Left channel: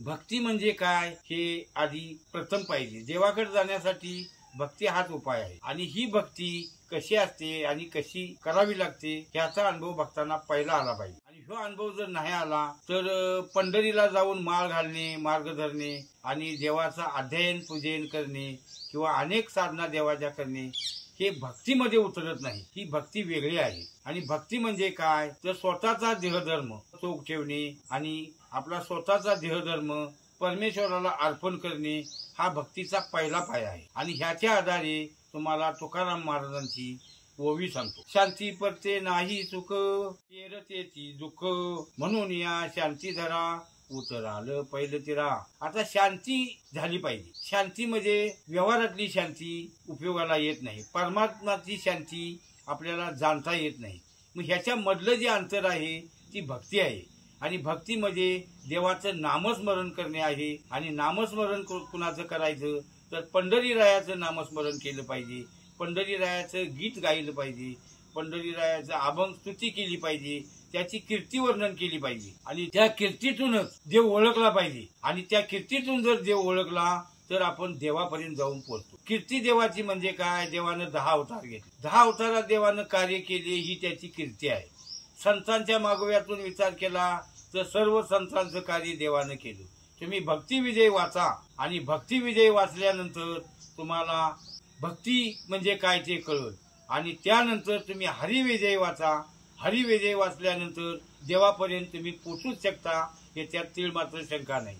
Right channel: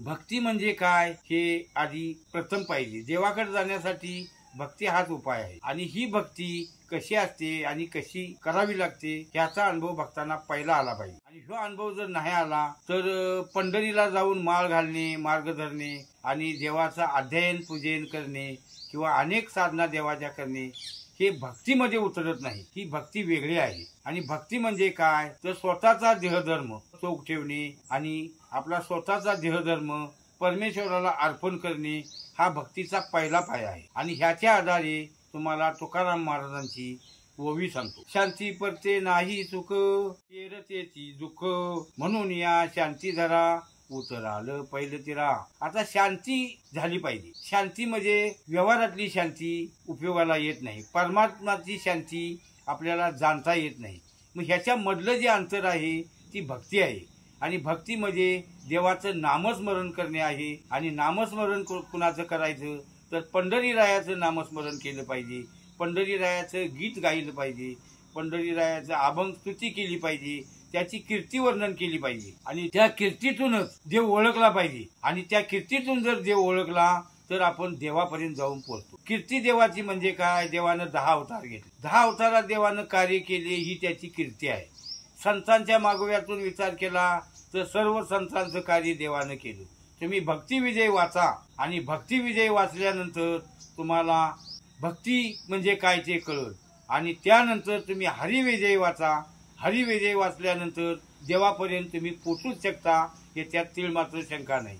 भक्ती म्हणजे काय हे आधी प्रथम पाहिजे. देवाकडे जाण्यासाठी भक्ती हाच उपाय आहे. आणि ही भक्ती कशी असते आणि कशी करावी लागते ह्याचा अनुभव भक्तांना पहिला आला पाहिजे. आणि हा अनुभव जर नाही आला तर पंढरीला जाऊन माळ घालणे, मार्ग धरणे आणि देवाचं अध्ययन पूजन करणे किंवा अनेक साधना देवाच्या करणे हे भक्तीमध्ये उतरत नाही. ही भक्ती वेगळी आहे. आणि भक्ती म्हणजे काय तर स्वतःचा देहधर्म चोख ठेवणे आणि आपला स्वतःचा देहधर्म परमेश्वराला अर्पण करणे हा भक्तीचा पहिला पाया आहे. आणि ह्याच्या आधारे तुम्हाला तुकाराम महाराजांची ओवी सांगतो. शांती परते नाही सुख, तेरतेची दुःख, म्हणून या शांती धरा, उतराल पहिलं तिरा. आता शांती झाली पाहिजे. शांती म्हणजे व्यवहारातली शांती उपयोगाला येत नाही. परमात्माची शांती आपल्याला जाणता येत नाही. मग ह्याच्या मधलं जे अंतर आहे ती भक्ती आहे. आणि भक्ती म्हणजे देवाचं नामस्मरण करणे आहे. आणि नामस्मरण कुणाचं करायचं तर पंढरीरायाचं नामस्मरण केलं पाहिजे. पंढरीरायाचं गीत गायलं पाहिजे. पंढरीरायाचं अभंग स्तुती केली पाहिजे. त्याची कीर्ती वर्णन केली पाहिजे. आणि त्या कीर्तीतूनच देव ओळखला पाहिजे. आणि त्या कीर्तीतून जर देव ओळखला तर आपण देवापर्यंत जाऊन पोहोचतो. कीर्ती देवाची म्हणजे काय, देवानं 10 अवतार घेतले. 10 अवतारात देवानं कार्य केले ही त्याची कीर्ती आहे. संतांच्या मागोव्यातून विचार केला तर सर्व संतांचं कार्य देवानं केलं. तुम्ही भक्तिविजय वाचा आणि भक्तिविजय वाचल्यानंतर तुम्हाला भक्ती म्हणजे काय ते कळेल. आणि त्यानंतर तुम्ही हरिविजय वाचा. हरिविजय वाचल्यानंतर देवापर्यंत तुम्ही पोचूच शकता. हे त्यात तीळ मात्र शंका नाही.